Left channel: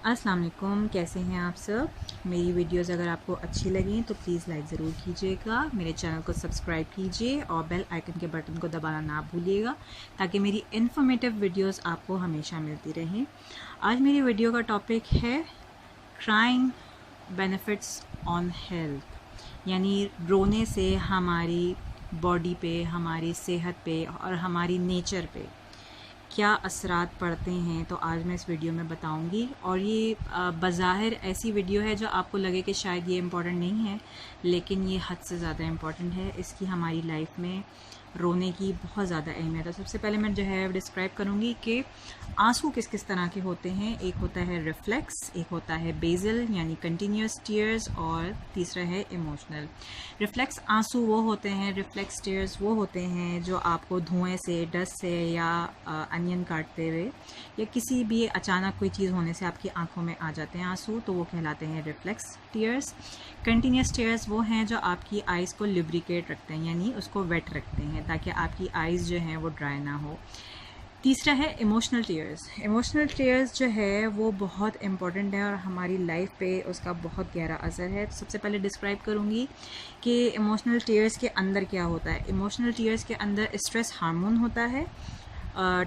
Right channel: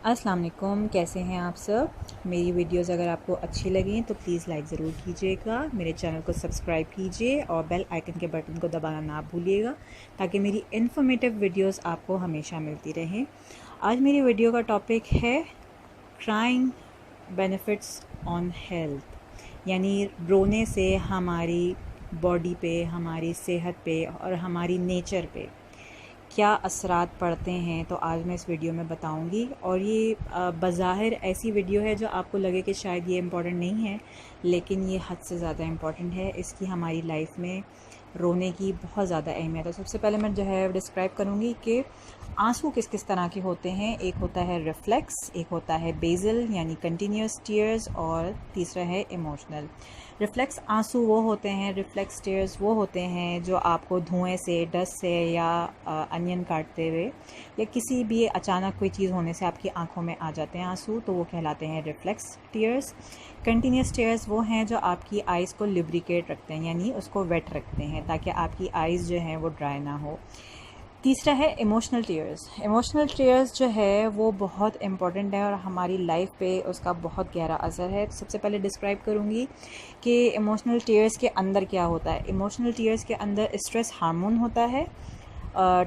अस्सलाम वालेकुम, कैसे हैं आप सब। मेरी वीडियोस अगर आपको अच्छी लगें तो प्लीज़ लाइक ज़रूर कीजिएगा, मेरे चैनल को सब्सक्राइब कीजिए और बेल आइकन के बटन को दबाना ना भूलिएगा ताकि मेरी इन्फॉर्मेटिव वीडियोस आपको हमेशा मिलती रहें। आज मेरी वीडियो का टॉपिक है क्राइंग बेनिफिट्स ऑन हेल्थ, यानी रोने से हमारी बॉडी पे, हमारी सेहत पे और हमारी नेचर पे क्या असरात पड़ते हैं। तो आज मैं इस वीडियो में बताऊंगी और ये बज़ाहिर ऐसी वीडियो है जो आपको लगे कि शायद ये इम्पॉर्टेंट नहीं है, लेकिन ये हद से ज़्यादा इम्पॉर्टेंट है। इसकी हमारी लाइफ में रोने की बहुत ज़्यादा अहमियत है। सबसे पहले मैं जो है डिस्क्राइब करूँगी कि आंसू किस किस तरह के होते हैं। एक होता है रिफ्लेक्स, एक होता है बेजल यानी कंटिन्यूस टीयर्स, और तीसरा है इमोशनल। रिफ्लेक्स आंसू वो होते हैं, रिफ्लेक्स टीयर्स वो होते हैं जो आपको धुएं से, डस्ट से या अनियन काटते हुए या किसी भी अचानक कोई चीज़ होने से आपकी आंखों में आ जाते हैं आंसू, तो वो कहलाते हैं रिफ्लेक्स टीयर्स। कंटिन्यूस टीयर्स वो हैं जो आपकी आइज़ को लिब्रिकेट रखते हैं, यानी उसको वेट रखते हैं ताकि आपकी आइज़ जो हैं वो ड्राई ना हो। तीसरा है इमोशनल टीयर्स। इमोशनल टीयर्स जो है वो बहुत इम्पॉर्टेंट है और हमारी लाइफ पे उसका बहुत गहरा असर है। तो सबसे पहले डिस्क्राइब करूँगी कि इमोशनल टीयर्स के अंदर क्या होता है। इमोशनल टीयर्स के अंदर स्ट्रेस हार्मोन होता है,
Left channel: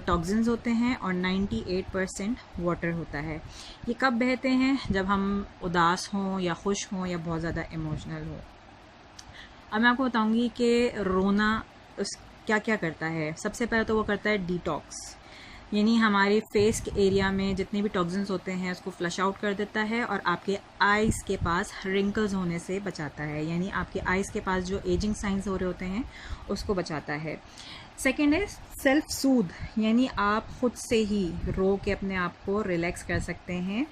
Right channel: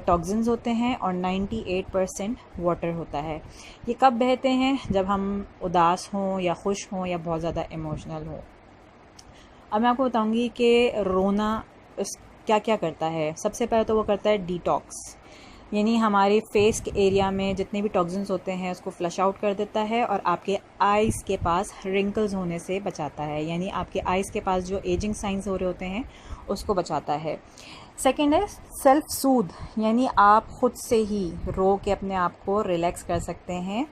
टॉक्सिन्स होते हैं और 98% वाटर होता है। ये कब बहते हैं? जब हम उदास हों या खुश हों या बहुत ज़्यादा इमोशनल हों। अब मैं आपको बताऊंगी कि रोना उस क्या क्या करता है। सबसे पहले तो वो करता है डिटॉक्स, यानी हमारे फेस के एरिया में जितने भी टॉक्सिन्स होते हैं उसको फ्लश आउट कर देता है और आपके आइज़ के पास रिंकल्स होने से बचाता है, यानी आपके आइज़ के पास जो एजिंग साइंस हो रहे होते हैं उसको बचाता है। सेकेंड है सेल्फ सूद, यानी आप ख़ुद से ही रो के अपने आप को रिलैक्स कर सकते हैं,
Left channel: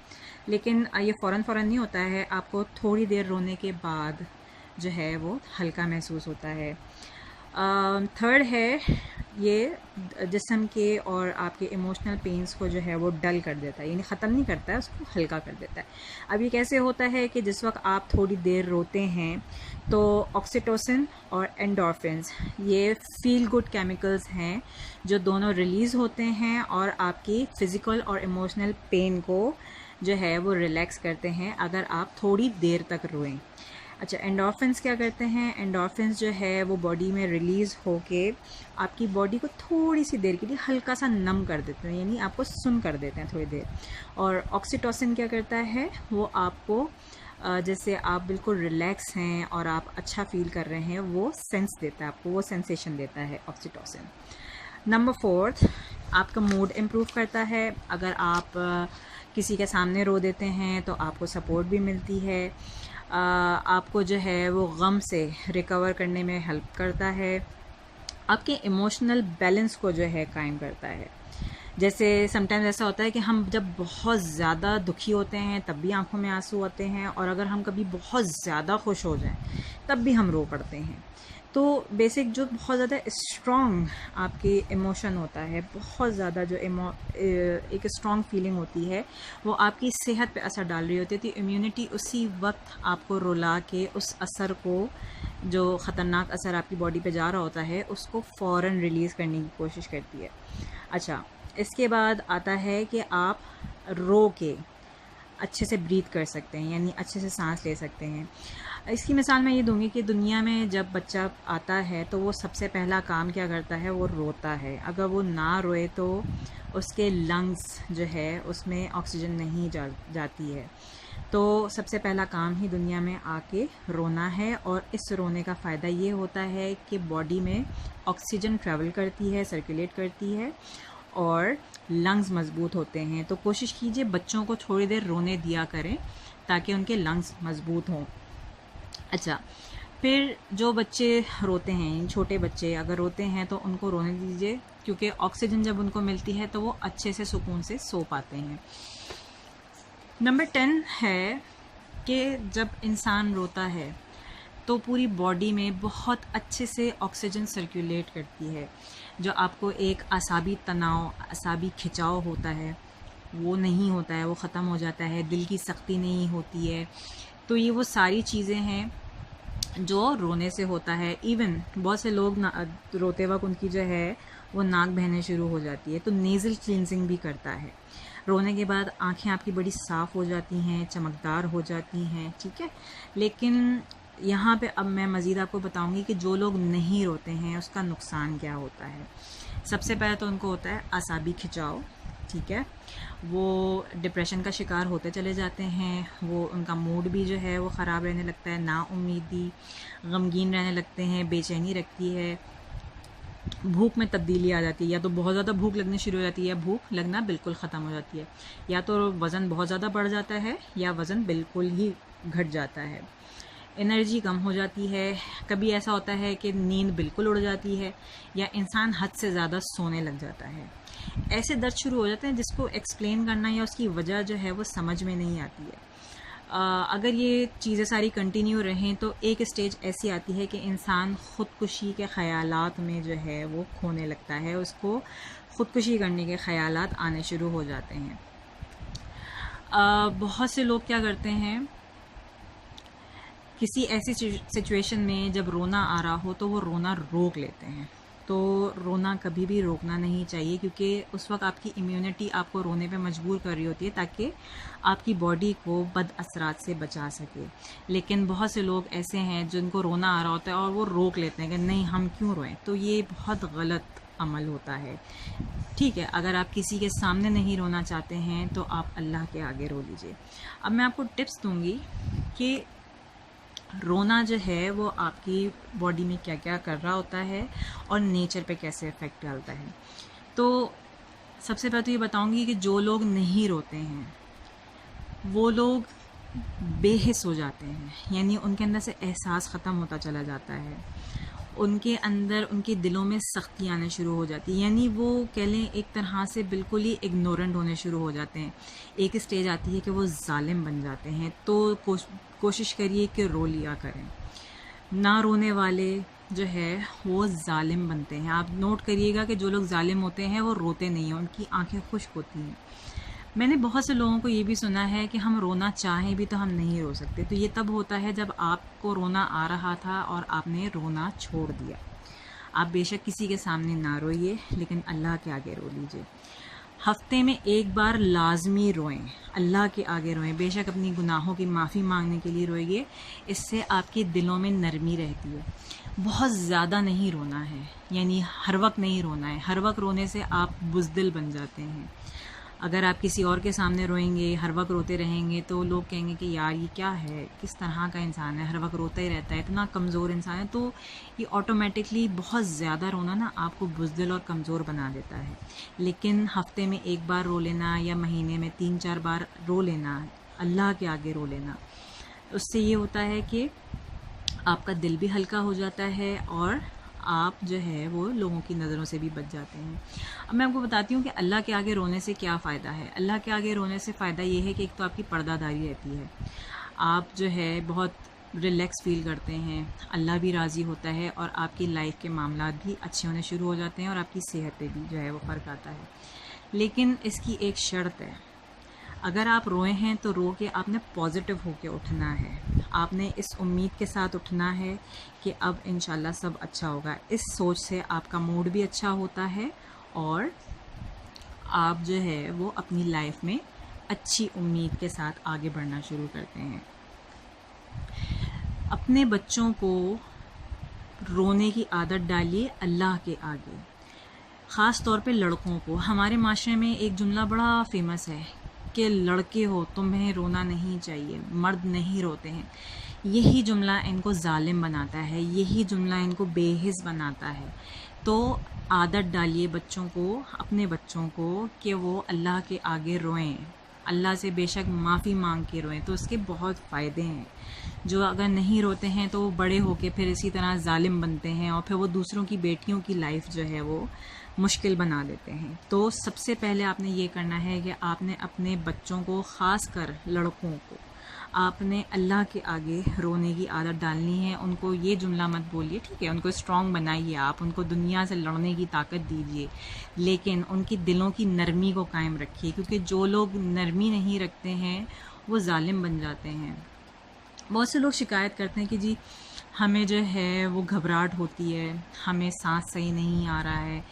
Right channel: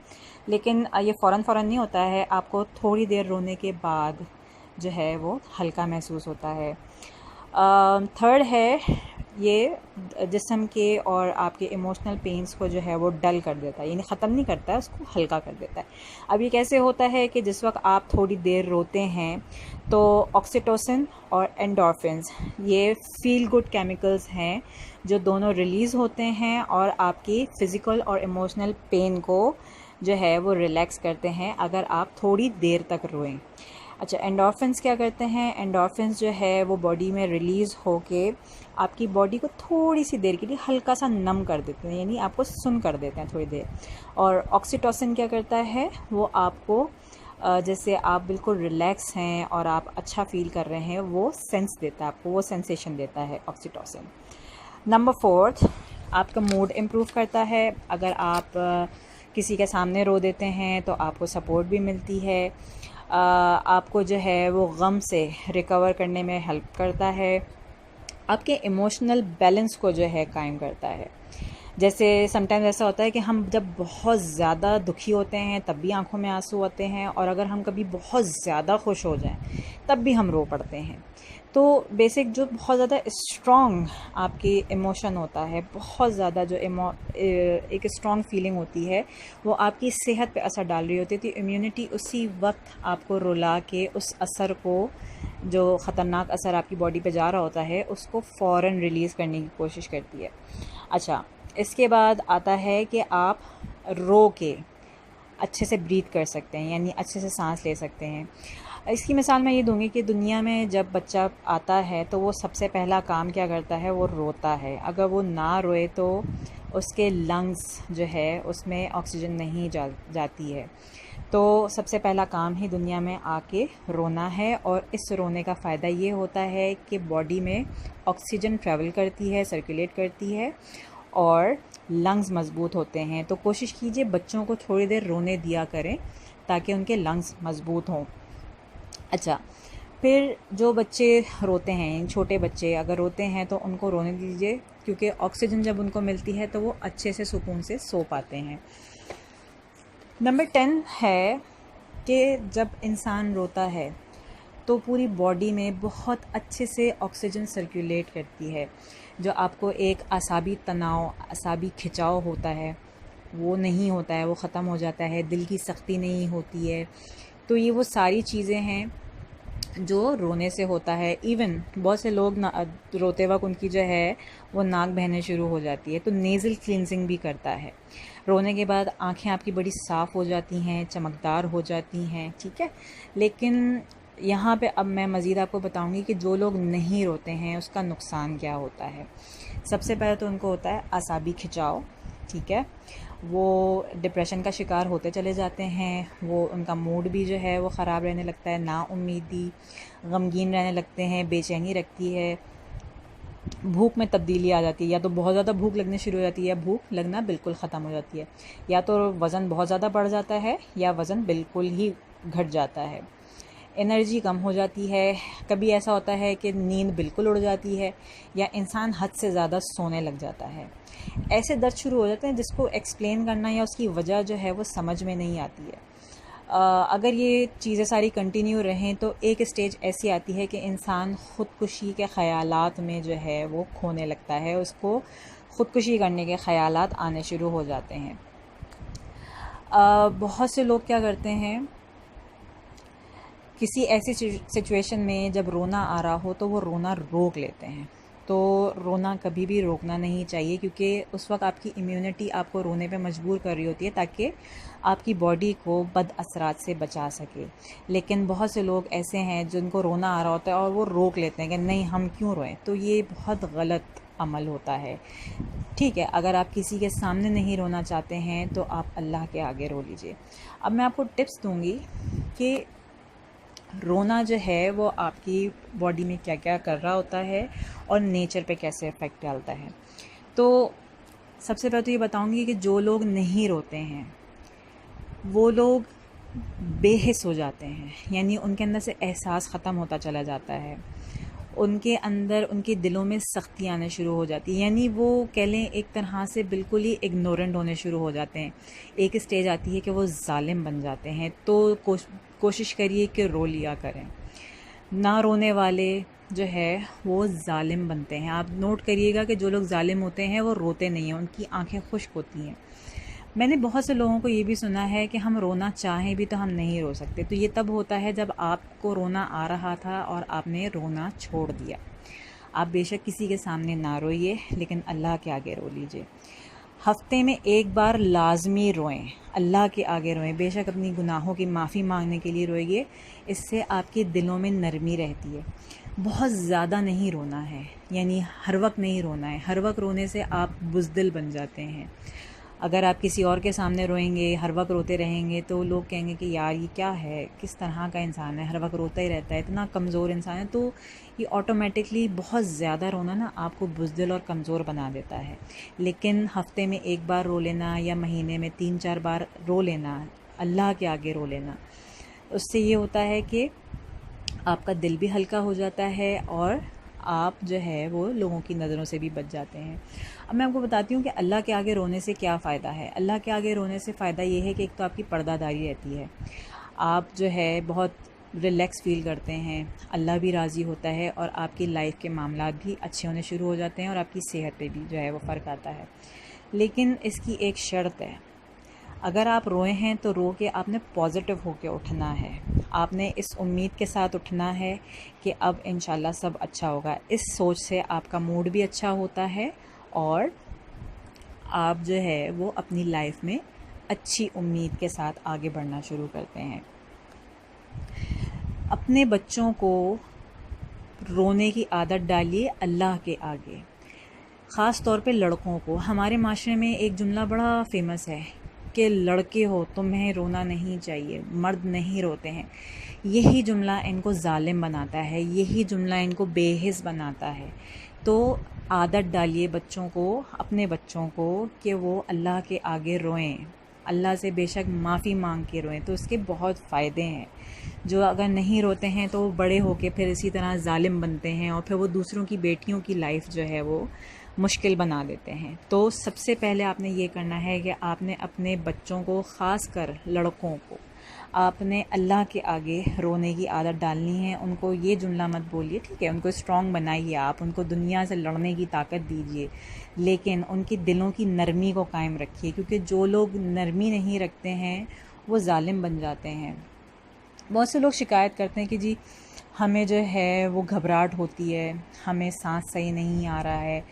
लेकिन ये फ़ौरन नहीं होता है, आपको थोड़ी देर रोने के बाद जो है वो हल्का महसूस होता है। थर्ड है ये जिस्म के और आपके इमोशनल पेन्स को जो है वो डल कर देता है, यानी ख़त्म नहीं करता है, उसको हल्का कर देता है। अब ये कैसे होता है कि जिस वक्त आप थोड़ी देर रोते हैं तो ऑक्सीटोसिन और एंडोर्फिन्स, ये फील गुड केमिकल्स हैं जो दोनों रिलीज़ होते हैं और आपकी फ़िज़िकल और इमोशनल पेन को जो है वो रिलैक्स करते हैं अगर आप थोड़ी देर तक रोएं। अच्छा, एंडोर्फिन्स क्या करते हैं? एंडोर्फिन्स जो है वो बॉडी में रिलीज़ होके आपकी बॉडी को थोड़ी सी देर के लिए हल्का सा नम कर देते हैं, यानी आपको सुन कर देते हैं थोड़ी देर। और ऑक्सीटोसिन क्या करता है? वो आपको जैसे आप बिल्कुल रिलैक्स हैं और आप अच्छा फ़ील कर रहे हैं वो सेंस देता है, आपको वो सेंसेशन देता है ऑक्सीटोसिन। नंबर फोर्थ, आपका मूड इम्प्रूव करता है। अगर आप किसी के सामने रो देते हैं तो आपको सपोर्ट भी मिलती है, आपको जो है वो गम से रिकवर करने में हेल्प करता है, आपके इमोशनल बैलेंस को जो है कायम करता है। जैसे समटाइम्स ऐसा होता है कि हम जब बहुत ज़्यादा दुखी होते हैं तब भी आंखों में आंसू आते हैं, और अगर हम कभी बहुत ज़्यादा खुश हो जाएं तब भी हम रो पड़ते हैं। तो बेसिक जो बहुत ज़्यादा स्ट्रॉन्ग आपकी इमोशन होता है, बहुत ज़्यादा जो एक स्ट्रॉन्ग फीलिंग होती है, वो आपकी सेहत पे असर डाल रही होती है। तो इम्यूनिटी उसी वक्त आपको रुला के उस असर को, जो ख़तरनाक असर आपकी बॉडी पे जा रहा होता है, उसको फ़ौरन रिलीज़ करने की कोशिश करती है। अच्छा, इसके बाद आता है कि आप रो के अच्छे से ब्रीथ कर सकते हैं, यानी अच्छे से सांस ले सकते हैं। इसकी मिसाल मैं ये दूंगी कि दुनिया में जब बच्चा आता है तो वो सबसे पहला काम क्या करता है? वो रोता है। अगर वो ना रोए तो उसके लंग्स जो है उसमें ऑक्सीजन नहीं जाती है। तो सबसे पहला काम ही दुनिया में आके रोना है, और इस रोने का फ़ायदा ये होता है कि बॉडी में ऑक्सीजन ट्रैवल करती है, सर्कुलेट करती है और लंग्स मज़बूत होते हैं। तो कोशिश कीजिए बच्चों को थोड़ी देर रोने दिया करें ताकि उनके लंग्स मज़बूत हों। अच्छा, फिर जो बच्चे रोते हैं, छोटे बच्चे अगर रोते हैं तो उनको रोने दीजिए, क्योंकि ऑक्सीजन जब उनको मिलती है तो वो अच्छे से सुकून से सो पाते हैं। नंबर 10 है कि जब इंसान रोता है तो पूरी बॉडी में बहुत अच्छे से ऑक्सीजन सर्कुलेट करती है। जो आपको एक आसाबी तनाव, आसाबी खिंचाव होता है वो नहीं होता है, वो ख़त्म हो जाता है। दिल की सख्ती नहीं होती है। तो ये वो सारी चीज़ें हैं जो रोने से होता है। इवन बहुत से लोग रोते वक्त उनकी जो है वो नाक बहने शुरू हो जाती है, तो नेज़ल क्लींजिंग भी करता है। रोने के बाद आँखें आपकी बड़ी साफ़ हो जाती हैं, चमकदार हो जाती हैं, ठीक है। लेकिन यहाँ पे अब मैं मज़ीद आपको बताऊँगी कि जो लोग नहीं रोते हैं उसका नुकसान क्या होता है। सबसे पहले तो उनको होता है आसाबी खिंचाव, ठीक है। वो डिप्रेशन का शिकार होते चले जाते हैं, वो उनका मूड भी जो है वो ख़राब रहने लगता है, नाउम्मीदी, गमगीन रहने लगते हैं, बेचैनी रखती है, भूख में तब्दीली आ जाती है, या तो बहुत ज़्यादा भूख लगनी शुरू हो जाती है या भूख लगना बिल्कुल ख़त्म हो जाती है, या तो वज़न बहुत ज़्यादा बढ़ जाता है या वज़न बिल्कुल ही घट जाता है, एनर्जी कम हो जाती है, कभी ऐसा होता है कि नींद बिल्कुल उड़ जाती है या इंसान हद से ज़्यादा सोने लग जाता है। ऐसे दर्द शुरू हो जाते हैं जिसको एक्सप्लेन करना या उसकी वजह जो है वो समझ में नहीं आती है। अगर ये चीज़ें सारी कंटिन्यू रहें तो एक स्टेज ऐसी आती है कि इंसान ख़ुदकुशी के ख़यालात में जो है वो खोने लगता है, उसको ख़ुदकुशी करने के ख़यालात आने शुरू हो जाते हैं। बहुत से लोग क्या करते हैं, किसी ऐसी सिचुएशन में जब रोना आ रहा हो तो वो रोना रोक लेते हैं। तो रोना कभी भी रोकना नहीं चाहिए, क्योंकि उस वक्त आपकी इम्यूनिटी आपको रोने पे मजबूर कर रही होती है ताकि आपकी बॉडी को बद असरात से बचा सके। लेकिन बहुत से लोग ऐसे हैं जिनको रोना आ रहा होता है और वो रोक लेते हैं कि नहीं हम क्यों रोएं, तो ये बहुत गलत अमल होता है। ठीक है, अगर आप किसी के सामने नहीं रोना चाहते हैं तो आप अल्लाह के आगे रो लीजिए। अब मैं आपको टिप्स दूंगी कि रोना जो है वो आपकी बॉडी में क्या क्या कर रहा होता है और नेचर पे कैसे इफ़ेक्ट डालता है। तो सबसे पहले तो ये बताऊंगी कि जो लोग नहीं रोते हैं वो लोग बेहिस हो जाते हैं, यानी उनके अंदर से एहसास ख़त्म होता चला जाता है, उनके अंदर उनके दिलों में सख्ती आने शुरू हो जाती है, यानी वो कह लें एक तरह से बिल्कुल ही इग्नोरेंट होने शुरू हो जाते हैं। एक स्टेज आती है कि वो जालिम बन जाते हैं। तो कोशिश करिए कि रो लिया करें। ना रोने वाले जो है वो जालिम बनते हैं। आप नोट करिएगा कि जो लोग जालिम होते हैं वो रोते नहीं हैं, उनकी आंखें खुश्क होती हैं। मैंने बहुत से लोगों को ये भी सुना है कि हम रोना चाहें भी तो हम नहीं रो सकते। तो ये तब होता है जब आपको रोना आ रहा था और आपने रोना छोड़ दिया। आप बेशक किसी के सामने ना रोइए, लेकिन अल्लाह के आगे रो लीजिए। हफ्ते में एक बार लाजमी रोएं, अल्लाह के आगे रोएं। बेशक अपनी गुनाहों की माफ़ी मांगने के लिए रोइए, इससे आपके दिलों में नरमी रहती है। बहुत ज़्यादा नहीं रोना है, यानी हर वक्त नहीं रोना है। हर वक्त रोने से आप बुज़दिल बन जाते हैं। अगर आप किसी और के सामने रोएंगे, हर वक्त रोते रहेंगे, तो लोग कहेंगे कि यार ये क्या है, किस तरह का इंसान है, हर वक्त रोता ही रहता है, इतना कमज़ोर इंसान है। तो ये ऑटोमेटिकली बहुत ज़्यादा रोना ना आपको बुज़दिल और कमज़ोर बना देता है। लेकिन हफ्ते में एक बार रो लेना या महीने में 3-4 बार रो लेना, अल्लाह के आगे रो लेना, उससे ये होता है कि आपका दिल भी हल्का हो जाता है और आप जो है वो लोगों की नज़रों से भी बच जाते हैं। अब मैं आपको बताती हूँ कि अल्लाह के आगे रोने से क्या फ़ायदा है। अल्लाह के आगे रोने से फ़ायदा ये है कि एक तो आपकी पर्दादारी रहती है, आप जो है बहुत रिलैक्स फ़ील करते हैं, अल्लाह भी राज़ी होता है और आपकी लाइफ के मामलात भी अच्छे होने शुरू हो जाते हैं और आपकी सेहत पे भी जो है वो फ़र्क आता है। लेकिन इसकी एक शर्त है, अगर आप रोए हैं तो रो के आपने पॉजिटिव होके उठना है। आपने इस उम्मीद के साथ उठना है कि अब इंशाल्लाह सब अच्छा होगा। इस सोच से आपका मूड भी अच्छा होता है और आप जो है वो अपनी लाइफ में अच्छी उम्मीद के साथ आगे बढ़ना शुरू करते हैं। अपने बच्चों को रोने की आदत डालिए अल्लाह के आगे, ख़ास तौर पे लड़कों को। हमारे माशरे में एक जुमला बड़ा फ़ेमस है कि लड़के हो तुम्हें रोना नहीं चाहिए, मर्द नहीं रोते हैं। यही जुमला इनको जालिम बनाता है, यही जुमला इनको बेहिस बनाता है। तो आदत डालिए बच्चों को, अपने बच्चों को, कि वो अल्लाह के आगे रोएं, अल्लाह से बेशक माफ़ी मांग के रोएं। तो इसके बहुत फ़ायदे हैं। जो अगर नहीं रोते हैं तो वो बड़े होके फिर इसी तरह जालिम बनते हैं और फिर वो दूसरों की बेटियों की लाइफ जो है वो मुश्किल बना देते हैं। तो सबसे पहले आपने ये करना है कि आपने अपने बच्चों को, ख़ास कर लड़कों को, आपने अल्लाह के आगे रोने की आदत डालनी है। उनको ये जुमला मत बोलिए, ठीक है, उनको स्ट्रॉन्ग बनाइए, आप उनको दुनिया से लड़ने की ताकत दीजिए, लेकिन उनकी दिलों की नरमी को कायम रखिए, क्योंकि जो लोग नरमी नहीं रखते हैं वो जालिम बन जाते हैं। बहुत से लोग शिकायत करते हैं कि जी हमें जो है वो घबराहट होती है, हमें सांस सही नहीं आ रहा है,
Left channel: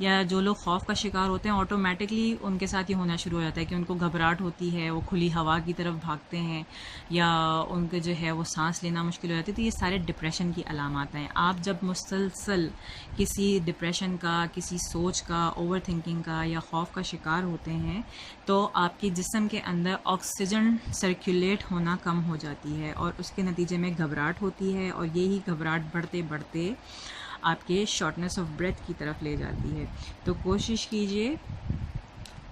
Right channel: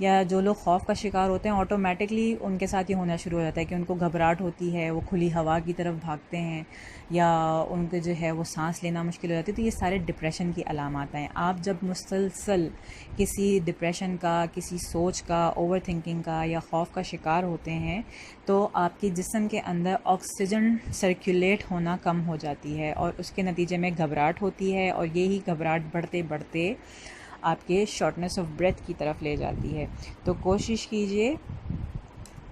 या जो लोग खौफ का शिकार होते हैं, ऑटोमेटिकली उनके साथ ये होना शुरू हो जाता है कि उनको घबराहट होती है, वो खुली हवा की तरफ भागते हैं या उनके जो है वो सांस लेना मुश्किल हो जाती है। तो ये सारे डिप्रेशन की अलामात हैं। आप जब मुसलसल किसी डिप्रेशन का, किसी सोच का, ओवर थिंकिंग का या खौफ का शिकार होते हैं तो आपके जिस्म के अंदर ऑक्सीजन सर्कुलेट होना कम हो जाती है और उसके नतीजे में घबराहट होती है, और यही घबराहट बढ़ते बढ़ते आपके शॉर्टनेस ऑफ ब्रेथ की तरफ ले जाती है। तो कोशिश कीजिए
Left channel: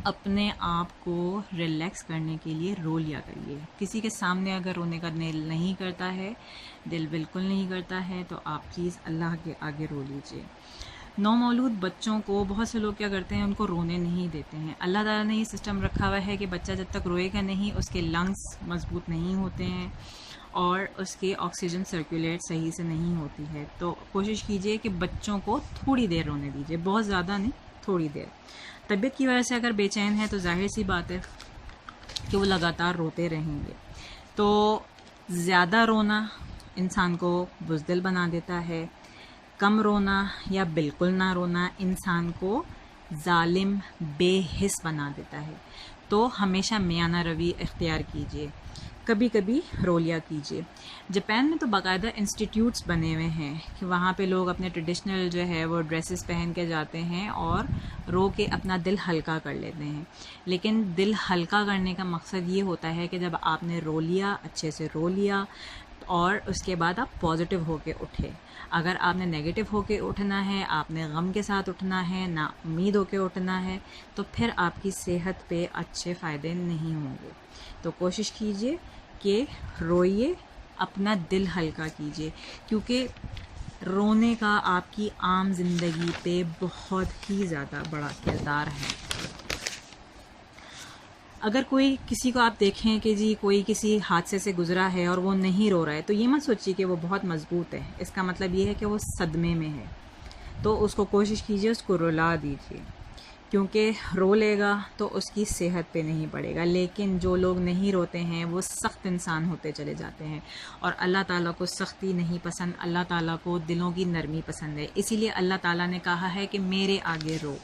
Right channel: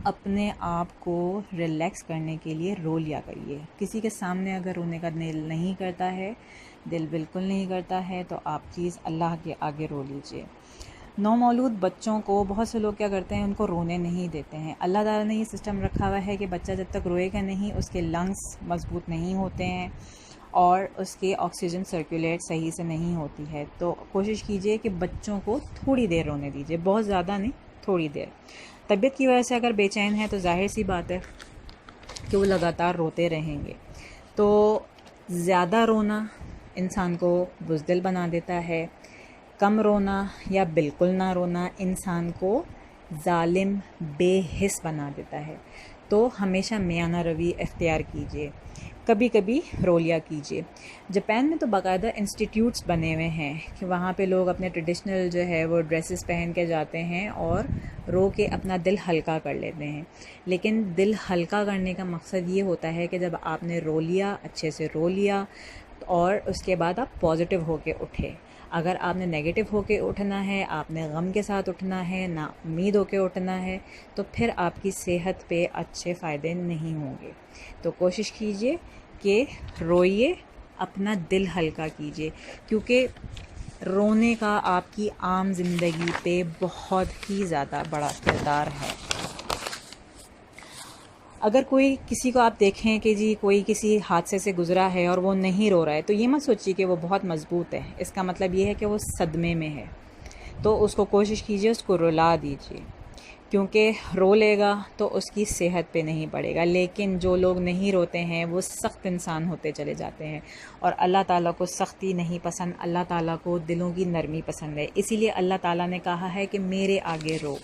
अपने आप को रिलैक्स करने के लिए रो लिया करिए। किसी के सामने अगर रोने का दिल नहीं करता है, दिल बिल्कुल नहीं करता है, तो आप प्लीज़ अल्लाह के आगे रो लीजिए। नौमौलूद बच्चों को बहुत से लोग क्या करते हैं, उनको रोने नहीं देते हैं। अल्लाह ताला ने ये सिस्टम रखा हुआ है कि बच्चा जब तक रोएगा नहीं, उसके लंग्स मजबूत नहीं होते हैं और उसके ऑक्सीजन सर्कुलेट सही से नहीं होती है। तो कोशिश कीजिए कि बच्चों को थोड़ी देर रोने दीजिए, बहुत ज़्यादा नहीं, थोड़ी देर। तबीयत की वजह से अगर बेचैन है तो जाहिर सी बात है कि वो लगातार रोते रहेंगे। तो ज़्यादा रोना इंसान को बुज़दिल बना देता है, कम रोना या बिल्कुल ना रोना इंसान को जालिम, बेहिस बना देता है। तो हमेशा मियाना रवि इख्तियार कीजिए, कभी कभी रो लिया कीजिए। जापान में तो बाकायदा इंस्टीट्यूट्स बने हुए हैं कि वहाँ पे लोग अपने ट्रेडिशनल जो है वो ड्रेसेस पहन के जाते हैं और रो के अपना दिल हल्का कर लेते हैं। लेकिन दिल हल्का करने का मकसद ये होता है कि जब आपने रो लिया, अच्छे से रो लिया, और उसके बाद आप पॉजिटिव होके उठे। अगर आपने नेगेटिव होके उठना है, आपने गम के साथ उठना है, ना उम्मीद होके उठना है, तो फिर आपकी सेहत पे अच्छे फ़ायदे नहीं होंगे। तो कोशिश कीजिए कि रोइए, अपना दिल हल्का कीजिए, क्योंकि रोने का आपकी आम ज़िंदगी पे बहुत ही ज़्यादा बड़ा किरदार है। अगर कोई किसी को आप देखें कि जी कोई किसी हादसे से गुज़रा है और वो नहीं रो रहा है, तो ये मत सोचिए कि वो बहुत मज़बूत है। इसका मतलब ये है कि वो सदमे में है। तो उसको कोशिश कीजिए, उसको रुला दीजिए, क्योंकि रो लेगा तो उसकी सेहत पे नहीं पड़ेगा। लेकिन जो लोग नहीं रोते हैं वो सख्त इंसान होते चले जाते हैं, और अल्लाह ताला को सख्ती नहीं पसंद, अल्लाह ताला को दिलों की नरमी पसंद है। इसीलिए अल्लाह ताला ने कहा है कि मेरे आगे रो,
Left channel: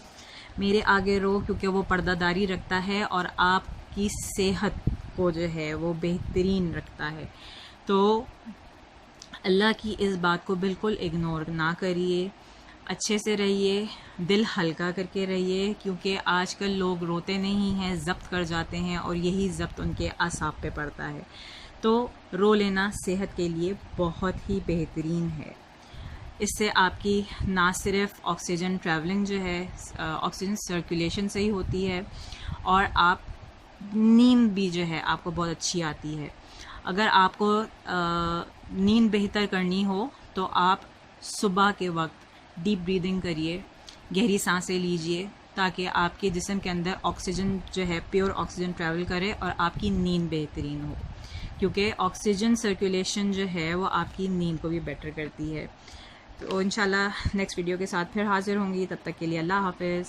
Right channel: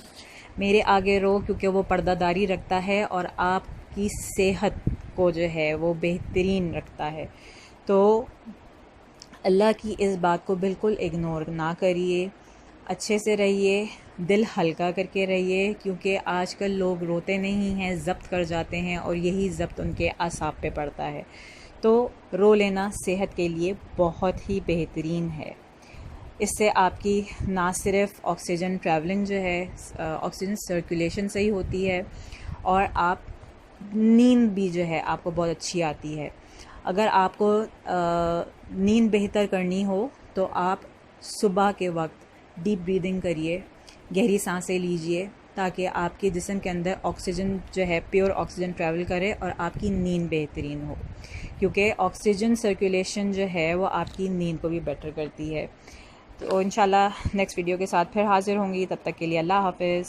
मेरे आगे रो, क्योंकि वो पर्दादारी रखता है और आपकी सेहत को जो है वो बेहतरीन रखता है। तो अल्लाह की इस बात को बिल्कुल इग्नोर ना करिए, अच्छे से रहिए, दिल हल्का करके रहिए, क्योंकि आजकल लोग रोते नहीं हैं, ज़ब्त कर जाते हैं और यही ज़ब्त उनके आसाब पे पड़ता है। तो रो लेना सेहत के लिए बहुत ही बेहतरीन है। इससे आपकी ना सिर्फ ऑक्सीजन ट्रैवलिंग जो है, ऑक्सीजन सर्कुलेशन सही होती है, और आप नींद भी जो है आपको बहुत अच्छी आती है। अगर आपको नींद बेहतर करनी हो तो आप सुबह के वक्त डीप ब्रीदिंग करिए, गहरी सांसें लीजिए, ताकि आपके जिस्म के अंदर ऑक्सीजन जो है, प्योर ऑक्सीजन ट्रैवल करे और आपकी नींद बेहतरीन हो, क्योंकि ऑक्सीजन सर्कुलेशन जो है वो आपकी नींद को भी बेटर करती है। तो इंशाल्लाह नेक्स्ट वीडियो के साथ फिर हाज़िर होंगी। तब तक के लिए अल्लाह हाफ़िज़।